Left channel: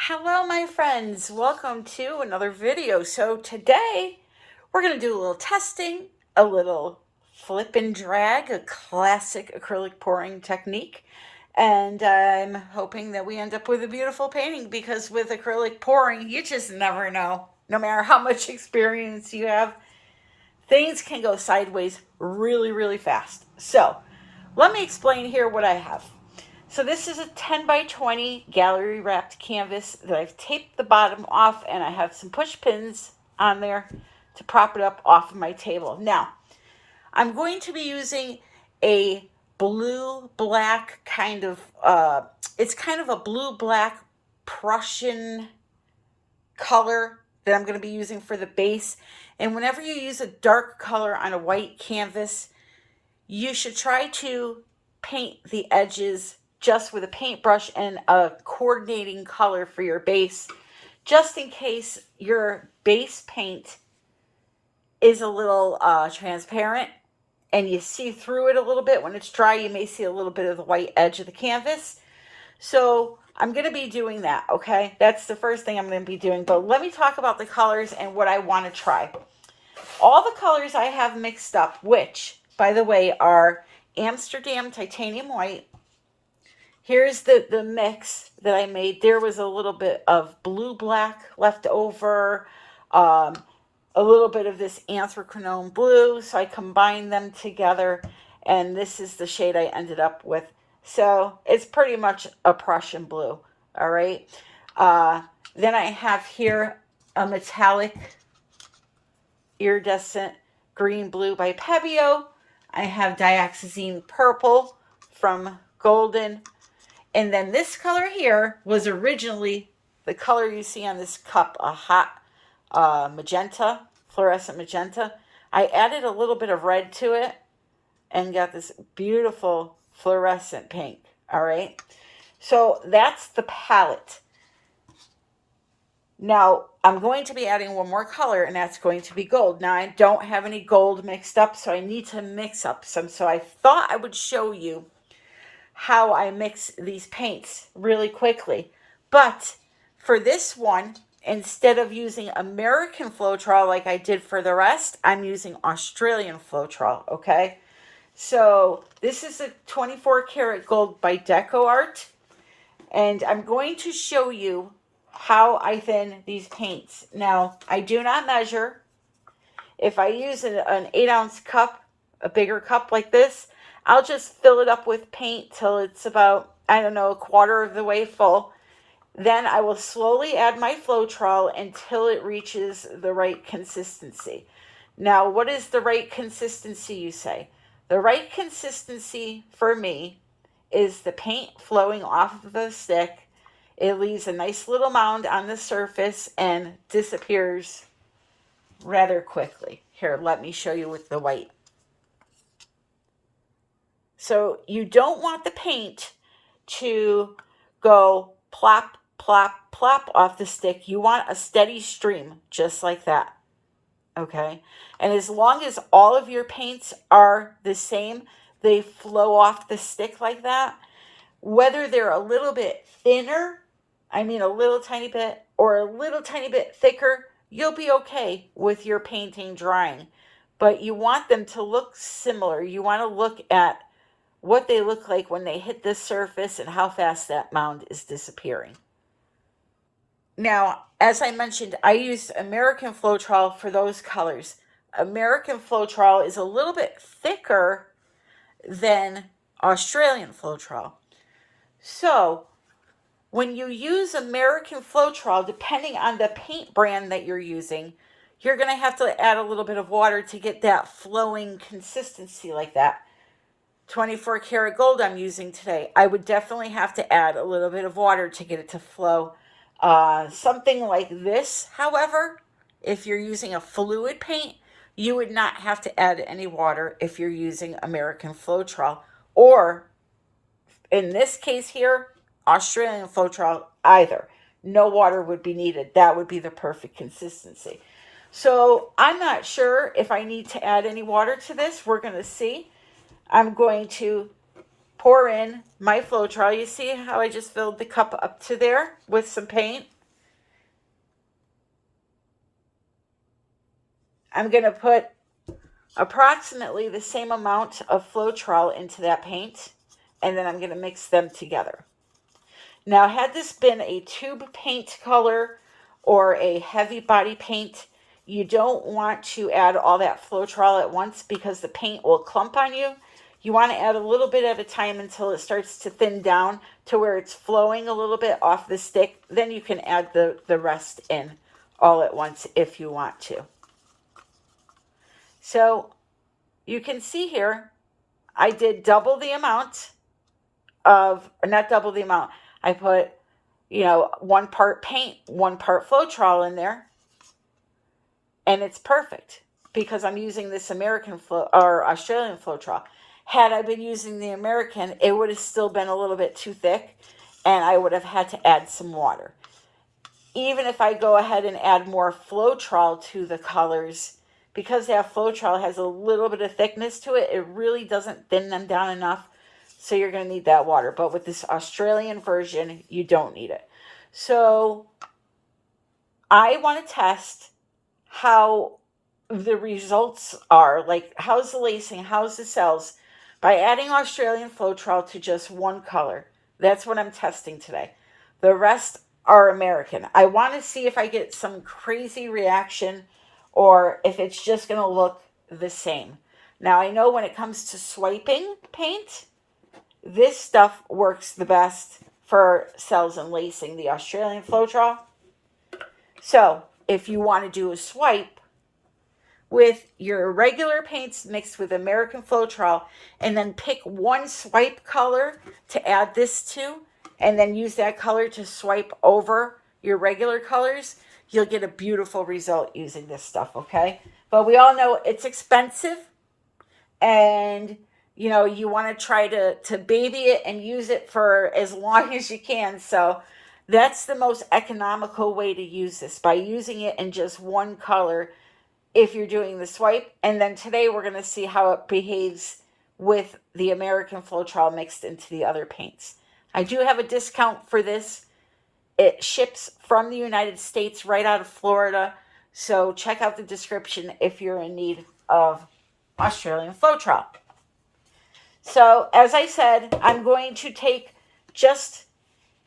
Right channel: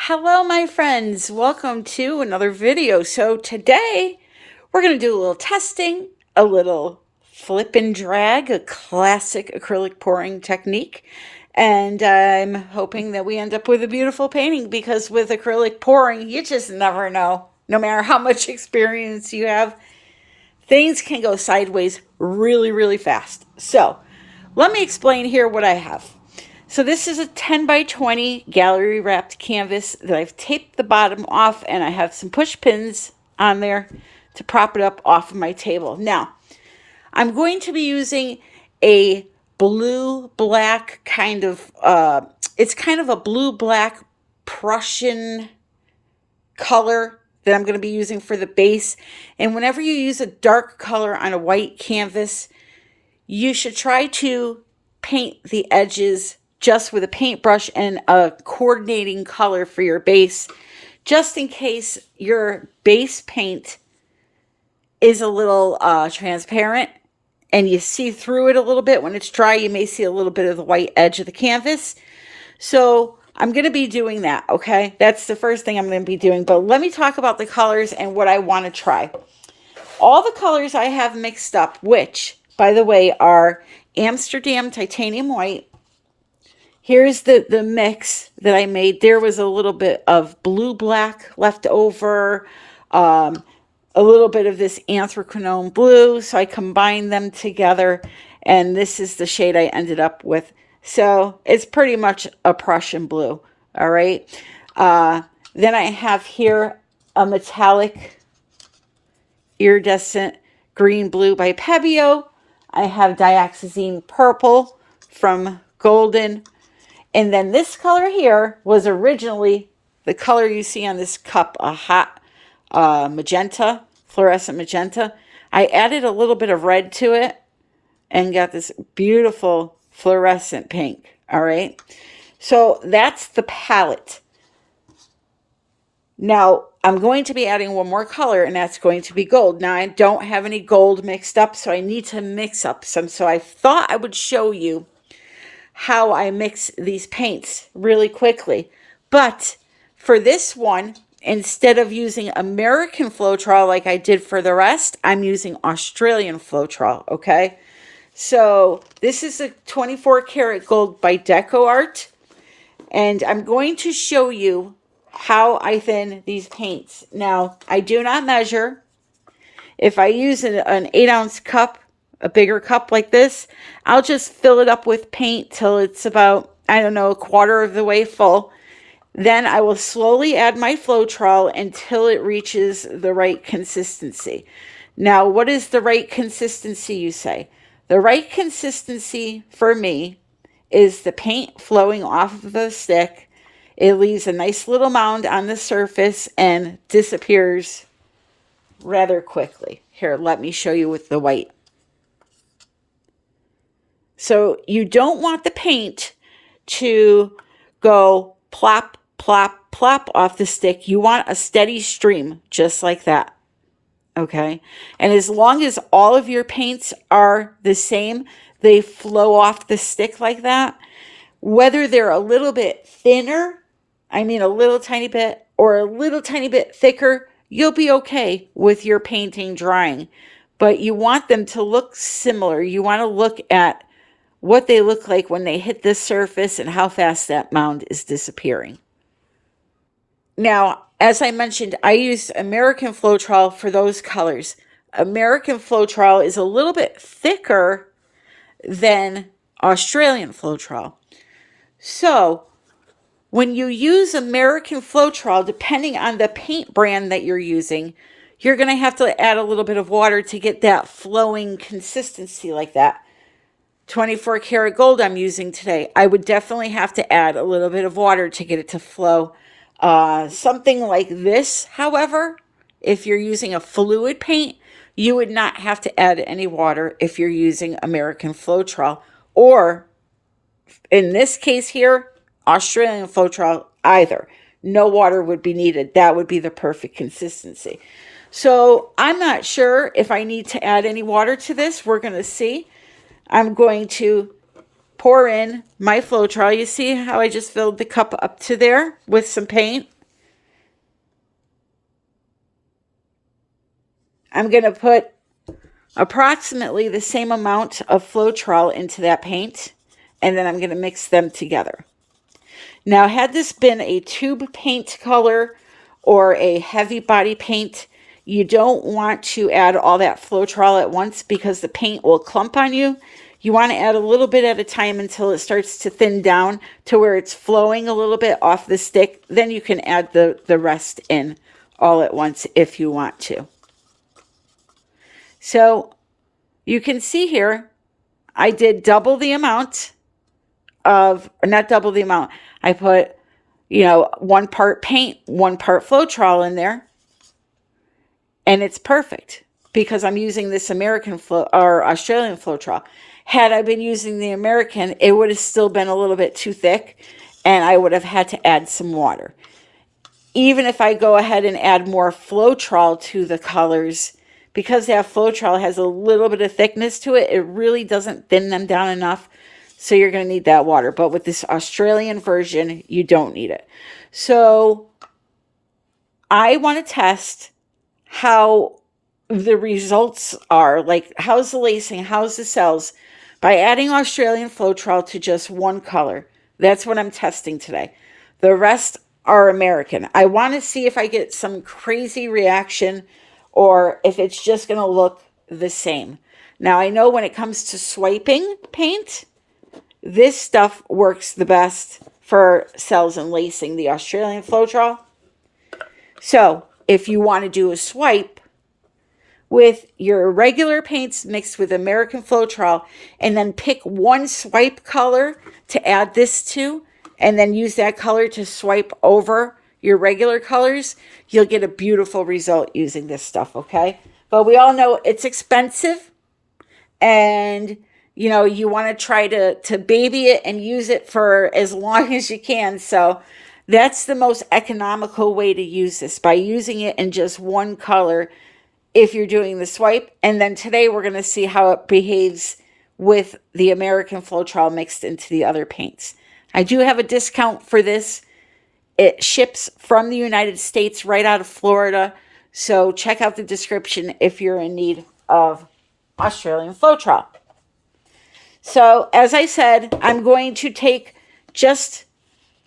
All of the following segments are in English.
Hello, my friends. Welcome to another video. So today we're going to do a little testing, a little flip and drag, a classic acrylic pouring technique. And I'm hoping that we end up with a beautiful painting because with acrylic pouring, you just never know. No matter how much experience you have, things can go sideways really, really fast. So let me explain here what I have. So this is a 10 by 20 gallery wrapped canvas that I've taped the bottom off, and I have some push pins on there to prop it up off of my table. Now, I'm going to be using a blue black kind of, it's kind of a blue black Prussian color that I'm going to be using for the base. And whenever you use a dark color on a white canvas, you should try to paint the edges just with a paintbrush and a coordinating color for your base, just in case your base paint is a little transparent and you see through it a little bit. When it's dry, you may see a little bit of the white edge of the canvas. So I'm going to be doing that, okay? That's the first thing I'm going to be doing. But let me talk about the colors and what I want to try. All the colors I have mixed up, which, by the way, are Amsterdam Titanium White. Here's the mix that I made. There was a little bit of blue black left over, a little bit of this anthracnone blue. So I combined them together, and this is the shade I ended up with. So it's pretty much a Prussian blue. All right. Then I have here a metallic iridescent green blue by Pebeo. I have dioxazine purple from Golden. And then this color here was originally the color you see on this cup, a hot magenta, fluorescent magenta. I added a little bit of red to it and got this beautiful fluorescent pink. All right. So that's the palette. Now, I'm going to be adding one more color, and that's going to be gold. Now, I don't have any gold mixed up, so I need to mix up some. So I thought I would show you how I mix these paints really quickly. But for this one, instead of using American Floetrol like I did for the rest, I'm using Australian Floetrol, okay? So this is a 24 karat gold by Deco Art, and I'm going to show you how I thin these paints. Now, I do not measure. If I use an 8-ounce cup, a bigger cup like this, I'll just fill it up with paint till it's about, I don't know, a quarter of the way full. Then I will slowly add my Floetrol until it reaches the right consistency. Now, what is the right consistency, you say? The right consistency for me is the paint flowing off of the stick. It leaves a nice little mound on the surface and disappears rather quickly. Here, let me show you with the white. So you don't want the paint to go plop, plop, plop off the stick. You want a steady stream, just like that. Okay? And as long as all of your paints are the same, they flow off the stick like that, whether they're a little bit thinner, I mean a little tiny bit, or a little tiny bit thicker, you'll be okay with your painting drying. But you want them to look similar. You want to look at what they look like when they hit this surface and how fast that mound is disappearing. Now, as I mentioned, I used American Floetrol for those colors. American Floetrol is a little bit thicker than Australian Floetrol. So when you use American Floetrol, depending on the paint brand that you're using, you're going to have to add a little bit of water to get that flowing consistency like that. 24 karat gold I'm using today, I would definitely have to add a little bit of water to get it to flow. Something like this, however, if you're using a fluid paint, you would not have to add any water if you're using American Floetrol, or in this case here, Australian Floetrol either. No water would be needed. That would be the perfect consistency. So I'm not sure if I need to add any water to this. We're going to see. I'm going to pour in my Floetrol. You see how I just filled the cup up to there with some paint? I'm going to put approximately the same amount of Floetrol into that paint, and then I'm going to mix them together. Now, had this been a tube paint color or a heavy body paint, you don't want to add all that Floetrol at once because the paint will clump on you. You want to add a little bit at a time until it starts to thin down to where it's flowing a little bit off the stick. Then you can add the rest in all at once if you want to. So you can see here, I did double the amount of, or not double the amount. I put, 1 part paint, 1 part Floetrol in there. And it's perfect because I'm using this American or Australian Floetrol. Had I been using the American, it would have still been a little bit too thick and I would have had to add some water. Even if I go ahead and add more Floetrol to the colors, because that Floetrol has a little bit of thickness to it, it really doesn't thin them down enough. So you're going to need that water. But with this Australian version, you don't need it. So I want to test how the results are, like how's the lacing, how's the cells, by adding Australian Floetrol to just one color. That's what I'm testing today. The rest are American. I want to see if I get some crazy reaction or if it's just going to look the same. Now, I know when it comes to swiping paint, this stuff works the best for cells and lacing, the Australian Floetrol. So if you want to do a swipe with your regular paints mixed with American Floetrol, and then pick one swipe color to add this to, and then use that color to swipe over your regular colors, you'll get a beautiful result using this stuff, okay? But we all know it's expensive, and you want to try to baby it and use it for as long as you can. So that's the most economical way to use this, by using it in just one color if you're doing the swipe. And then today we're going to see how it behaves with the American Floetrol mixed into the other paints. I do have a discount for this. It ships from the United States right out of Florida. So check out the description if you're in need of Australian Floetrol. So as I said, I'm going to take just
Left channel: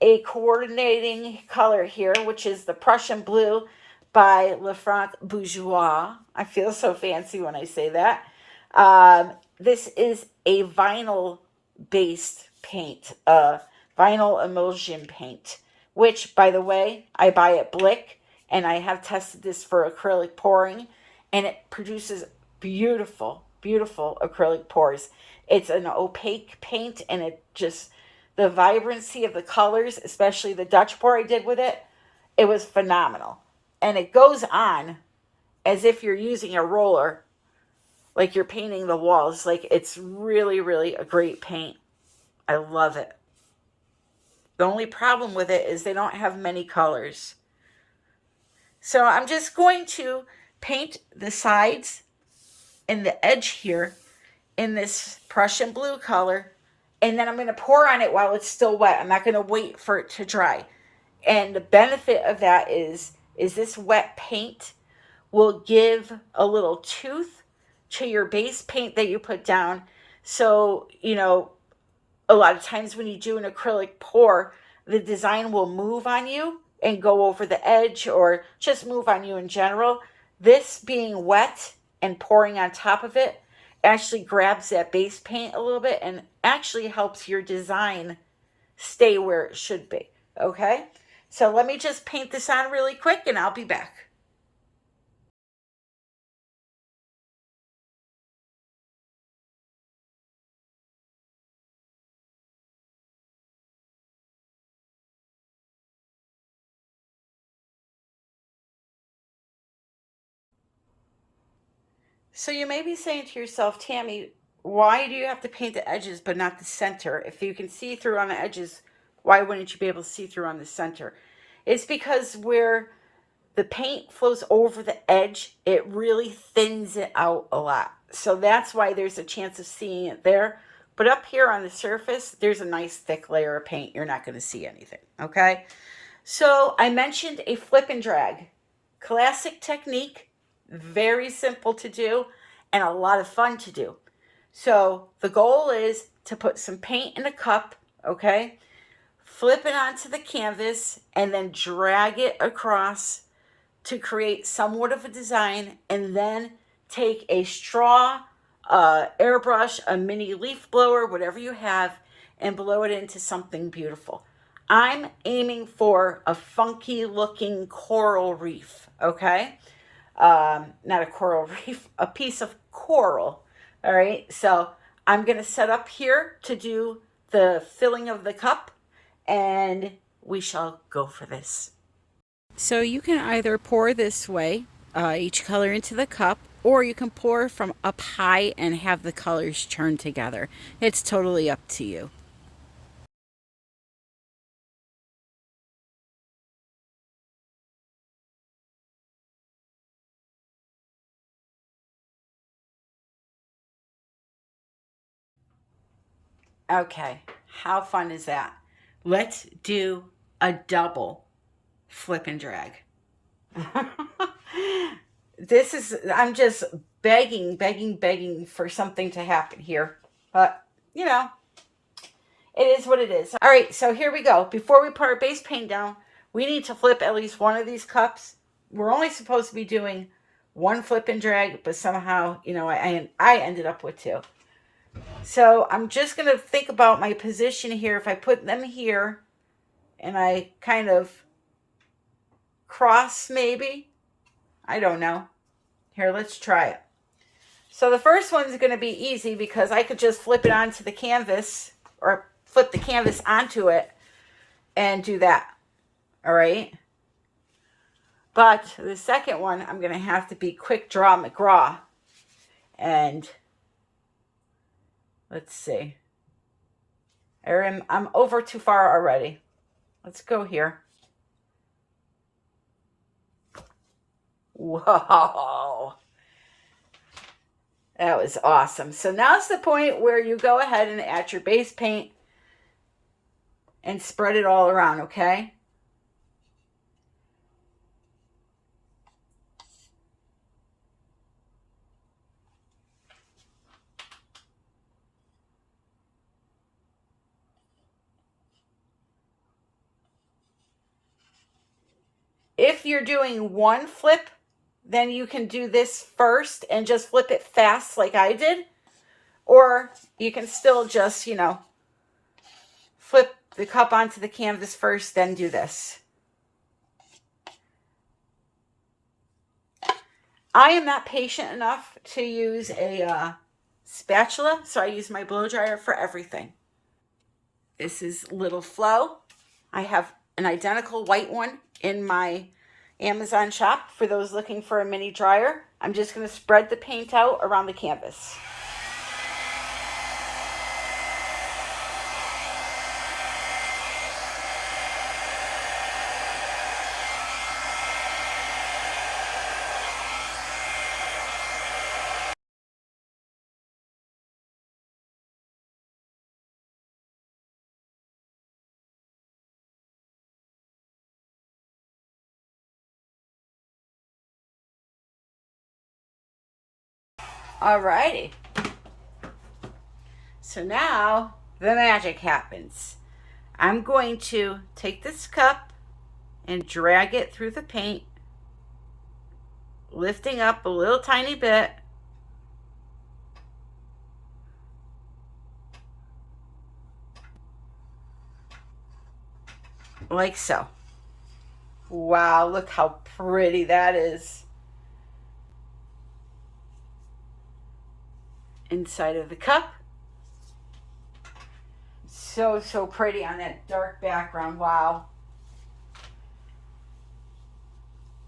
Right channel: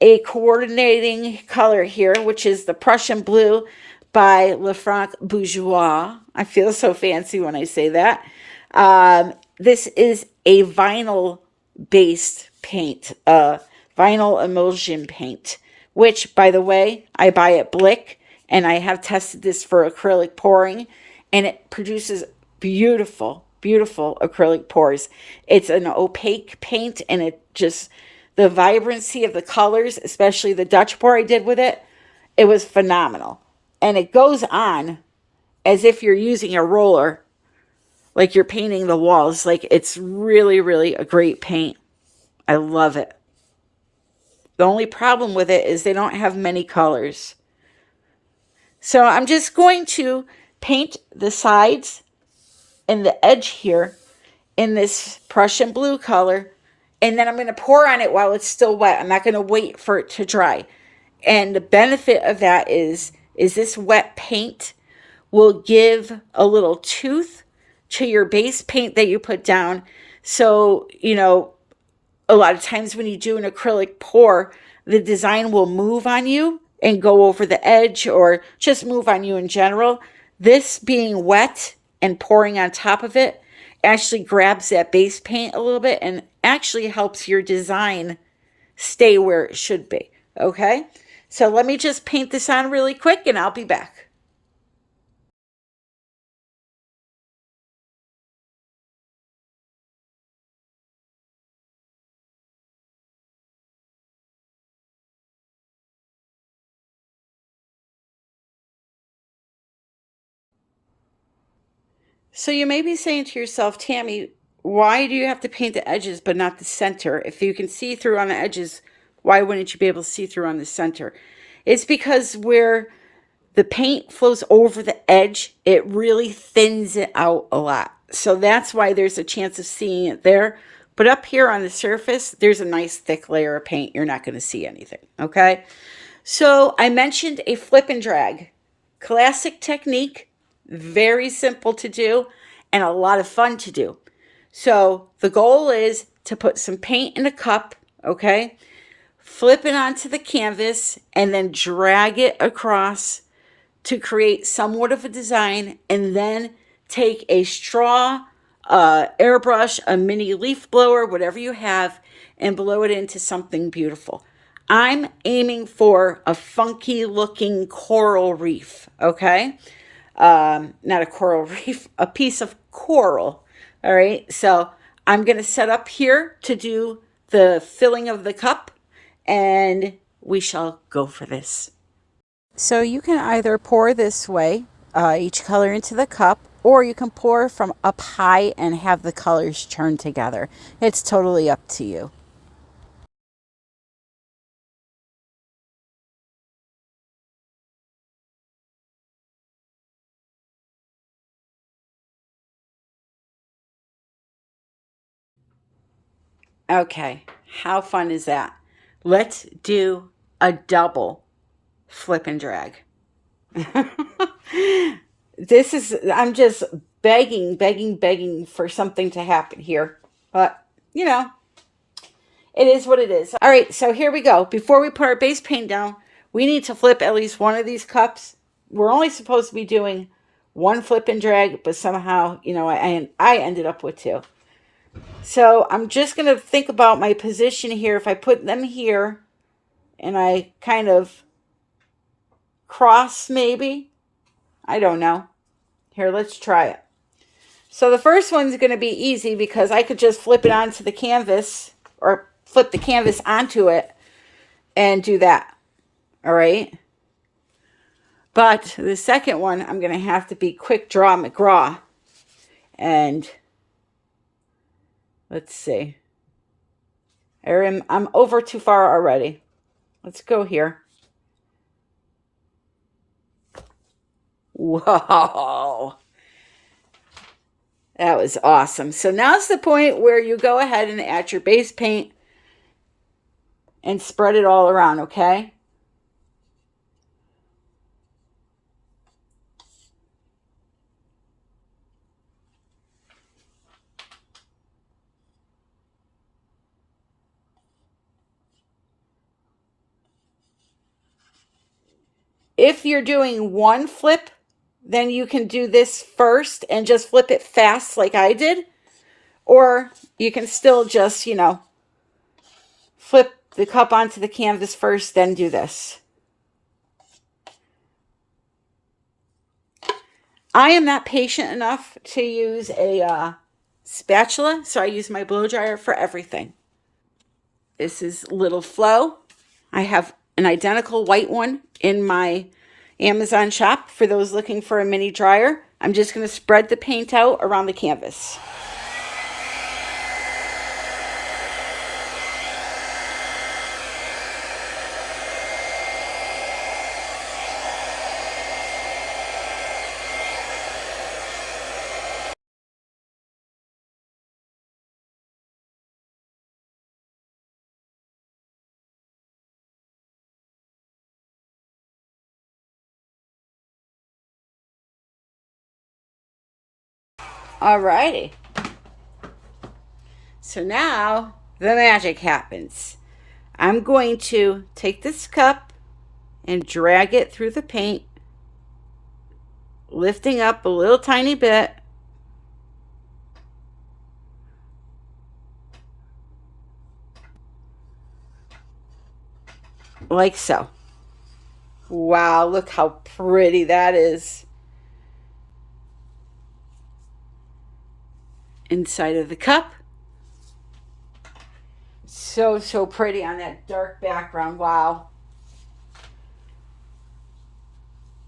a coordinating color here, which is the Prussian Blue by Lefranc Bourgeois. I feel so fancy when I say that. This is a vinyl-based paint, vinyl emulsion paint, which, by the way, I buy at Blick, and I have tested this for acrylic pouring, and it produces beautiful, beautiful acrylic pours. It's an opaque paint, and it just, the vibrancy of the colors, especially the Dutch pour I did with it, it was phenomenal. And it goes on as if you're using a roller, like you're painting the walls. Like, it's really, really a great paint. I love it. The only problem with it is they don't have many colors. So I'm just going to paint the sides and the edge here in this Prussian blue color. And then I'm going to pour on it while it's still wet. I'm not going to wait for it to dry. And the benefit of that is this wet paint will give a little tooth to your base paint that you put down. So, a lot of times when you do an acrylic pour, the design will move on you and go over the edge, or just move on you in general. This being wet and pouring on top of it actually grabs that base paint a little bit and actually helps your design stay where it should be. Okay? So let me just paint this on really quick and I'll be back. So you may be saying to yourself, Tammy, why do you have to paint the edges but not the center? If you can see through on the edges, why wouldn't you be able to see through on the center? It's because where the paint flows over the edge, it really thins it out a lot. So that's why there's a chance of seeing it there, But up here on the surface, there's a nice thick layer of paint. You're not going to see anything, okay? So I mentioned a flip and drag. Classic technique, very simple to do, and a lot of fun to do. So the goal is to put some paint in a cup, okay? Flip it onto the canvas and then drag it across to create somewhat of a design, and then take a straw, airbrush, a mini leaf blower, whatever you have, and blow it into something beautiful. I'm aiming for a funky looking coral reef, okay? Not a coral reef, a piece of coral. All right, so I'm going to set up here to do the filling of the cup, and we shall go for this. So you can either pour this way, each color into the cup, or you can pour from up high and have the colors turn together. It's totally up to you. Okay, how fun is that? Let's do a double flip and drag. I'm just begging for something to happen here. But, you know, it is what it is. All right, so here we go. Before we put our base paint down, we need to flip at least one of these cups. We're only supposed to be doing one flip and drag, but somehow, I ended up with two. So I'm just going to think about my position here. If I put them here and I kind of cross maybe, I don't know. Here, let's try it. So the first one's going to be easy because I could just flip it onto the canvas, or flip the canvas onto it and do that. All right. But the second one, I'm going to have to be quick draw McGraw. And let's see. I'm over too far already. Let's go here. Whoa. That was awesome. So now's the point where you go ahead and add your base paint and spread it all around, okay? If you're doing one flip, then you can do this first and just flip it fast like I did. Or you can still just, flip the cup onto the canvas first, then do this. I am not patient enough to use a spatula, so I use my blow dryer for everything. This is Little Flow. I have an identical white one in my Amazon shop for those looking for a mini dryer. I'm just going to spread the paint out around the canvas. Alrighty. So now the magic happens. I'm going to take this cup and drag it through the paint, lifting up a little tiny bit. Like so. Wow, look how pretty that is. Inside of the cup. So pretty on that dark background. Wow.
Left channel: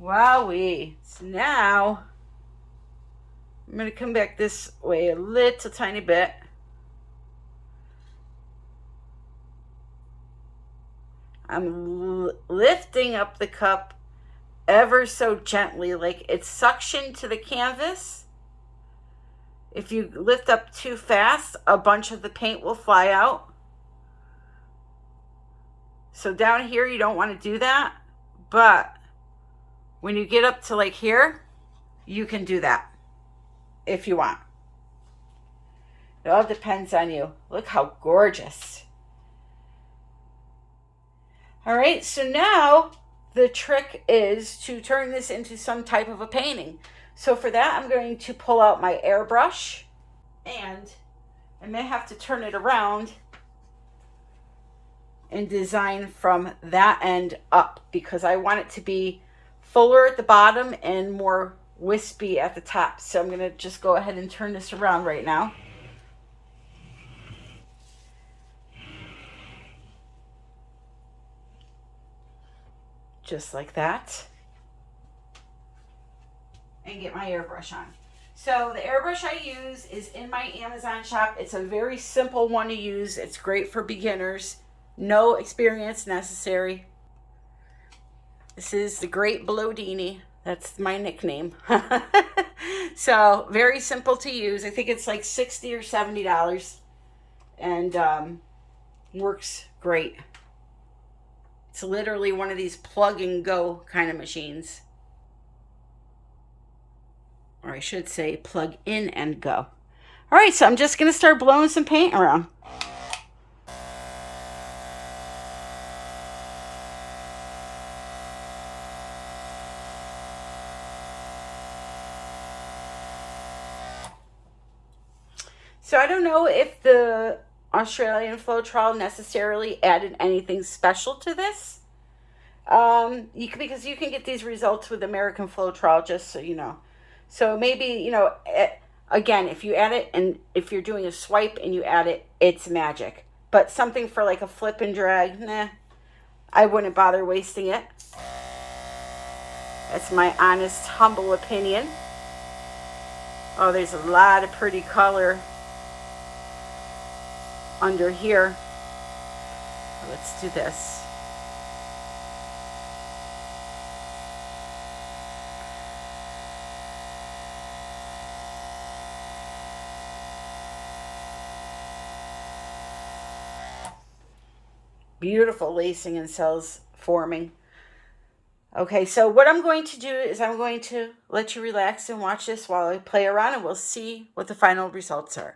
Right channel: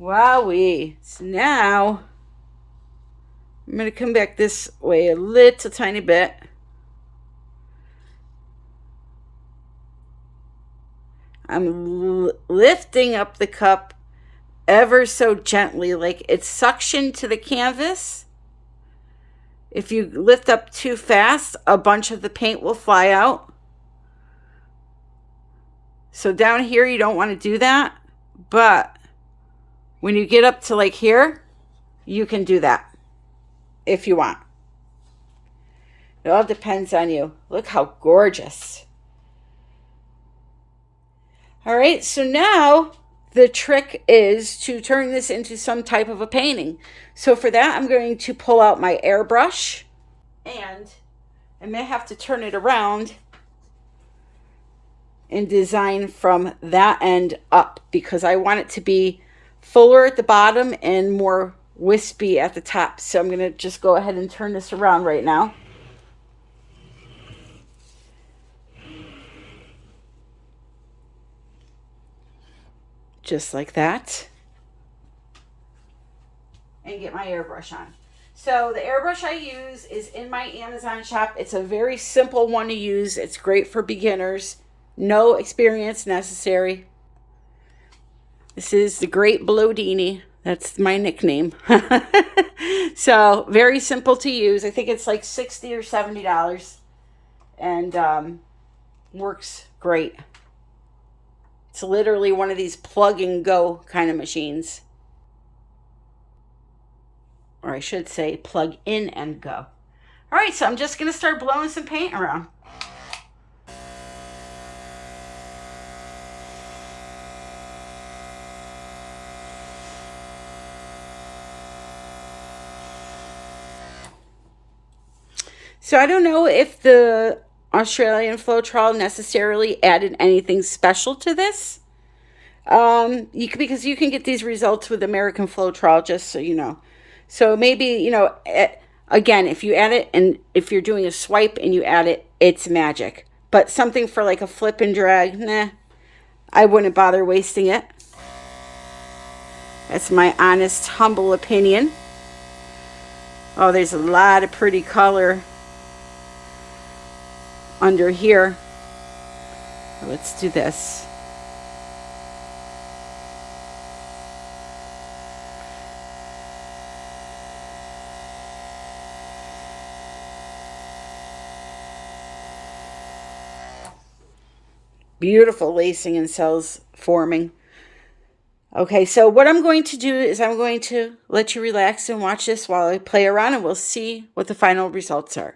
Wowee. So now I'm going to come back this way a little tiny bit. I'm lifting up the cup ever so gently, like it's suctioned to the canvas. If you lift up too fast, a bunch of the paint will fly out. So down here, you don't want to do that. But when you get up to like here, you can do that if you want. It all depends on you. Look how gorgeous. All right, so now the trick is to turn this into some type of a painting. So for that, I'm going to pull out my airbrush, and I may have to turn it around and design from that end up, because I want it to be fuller at the bottom and more wispy at the top. So I'm going to just go ahead and turn this around right now. Just like that. And get my airbrush on. So the airbrush I use is in my Amazon shop. It's a very simple one to use. It's great for beginners. No experience necessary. This is the Great Blodini. That's my nickname. So very simple to use. I think it's like $60 or $70, and works great. It's literally one of these plug and go kind of machines. Or I should say plug in and go. All right, so I'm just going to start blowing some paint around. So I don't know if the Australian Floetrol necessarily added anything special to this. Because you can get these results with American Floetrol, just so you know. So maybe, you know, again, if you add it, and if you're doing a swipe and you add it, it's magic. But something for like a flip and drag, nah, I wouldn't bother wasting it. That's my honest, humble opinion. Oh, there's a lot of pretty color under here. Let's do this. Beautiful lacing and cells forming. Okay, so what I'm going to do is I'm going to let you relax and watch this while I play around, and we'll see what the final results are.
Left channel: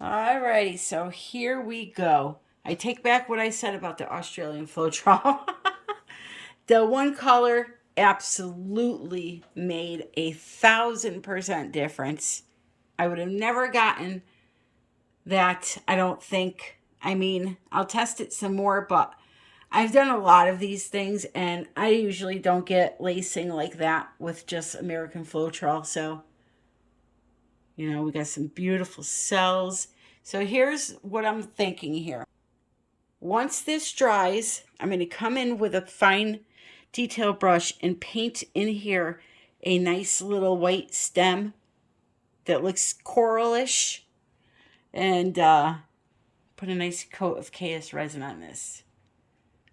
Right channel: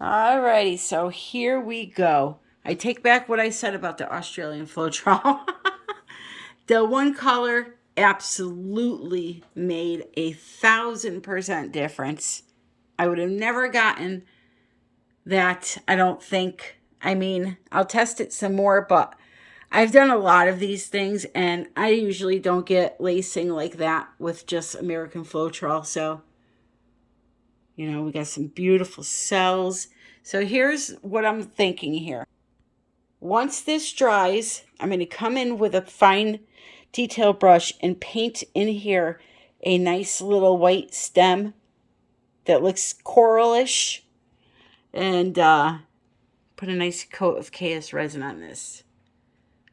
Alrighty, so here we go. I take back what I said about the Australian Floetrol. The one color absolutely made 1,000% difference. I would have never gotten that, I don't think. I mean, I'll test it some more, but I've done a lot of these things, and I usually don't get lacing like that with just American Floetrol. So, we got some beautiful cells. So here's what I'm thinking here. Once this dries, I'm going to come in with a fine detail brush and paint in here a nice little white stem that looks coralish, and put a nice coat of KS resin on this.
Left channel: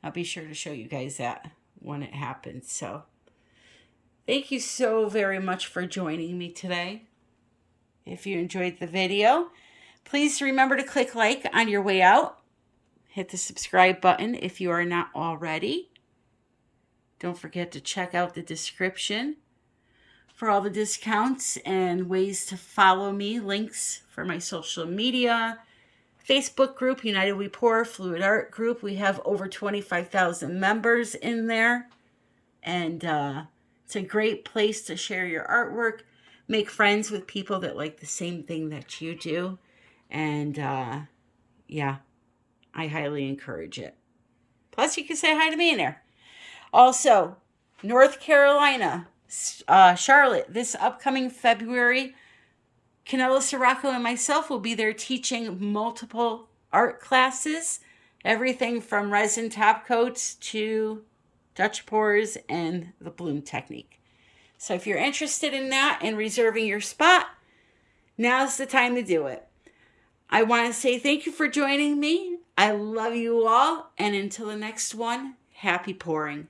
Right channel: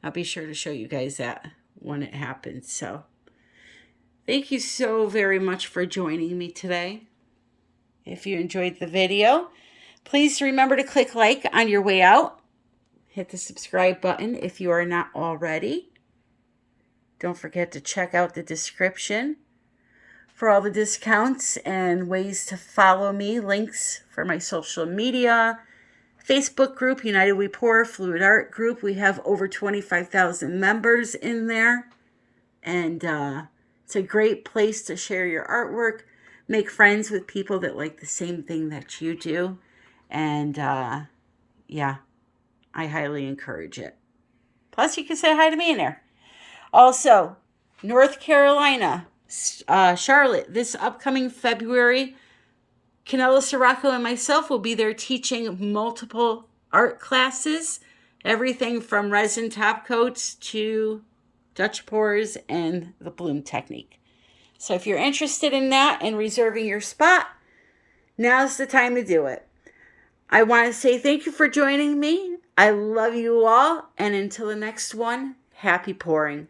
I'll be sure to show you guys that when it happens. So thank you so very much for joining me today. If you enjoyed the video, please remember to click like on your way out. Hit the subscribe button if you are not already. Don't forget to check out the description for all the discounts and ways to follow me, links for my social media, Facebook group, United We Pour, Fluid Art group. We have over 25,000 members in there. And it's a great place to share your artwork, make friends with people that like the same thing that you do. And yeah, I highly encourage it. Plus, you can say hi to me in there. Also, North Carolina, Charlotte, this upcoming February, Canella Sirocco and myself will be there teaching multiple art classes, everything from resin top coats to Dutch pours and the bloom technique. So if you're interested in that and reserving your spot, now's the time to do it. I want to say thank you for joining me. I love you all, and until the next one, happy pouring.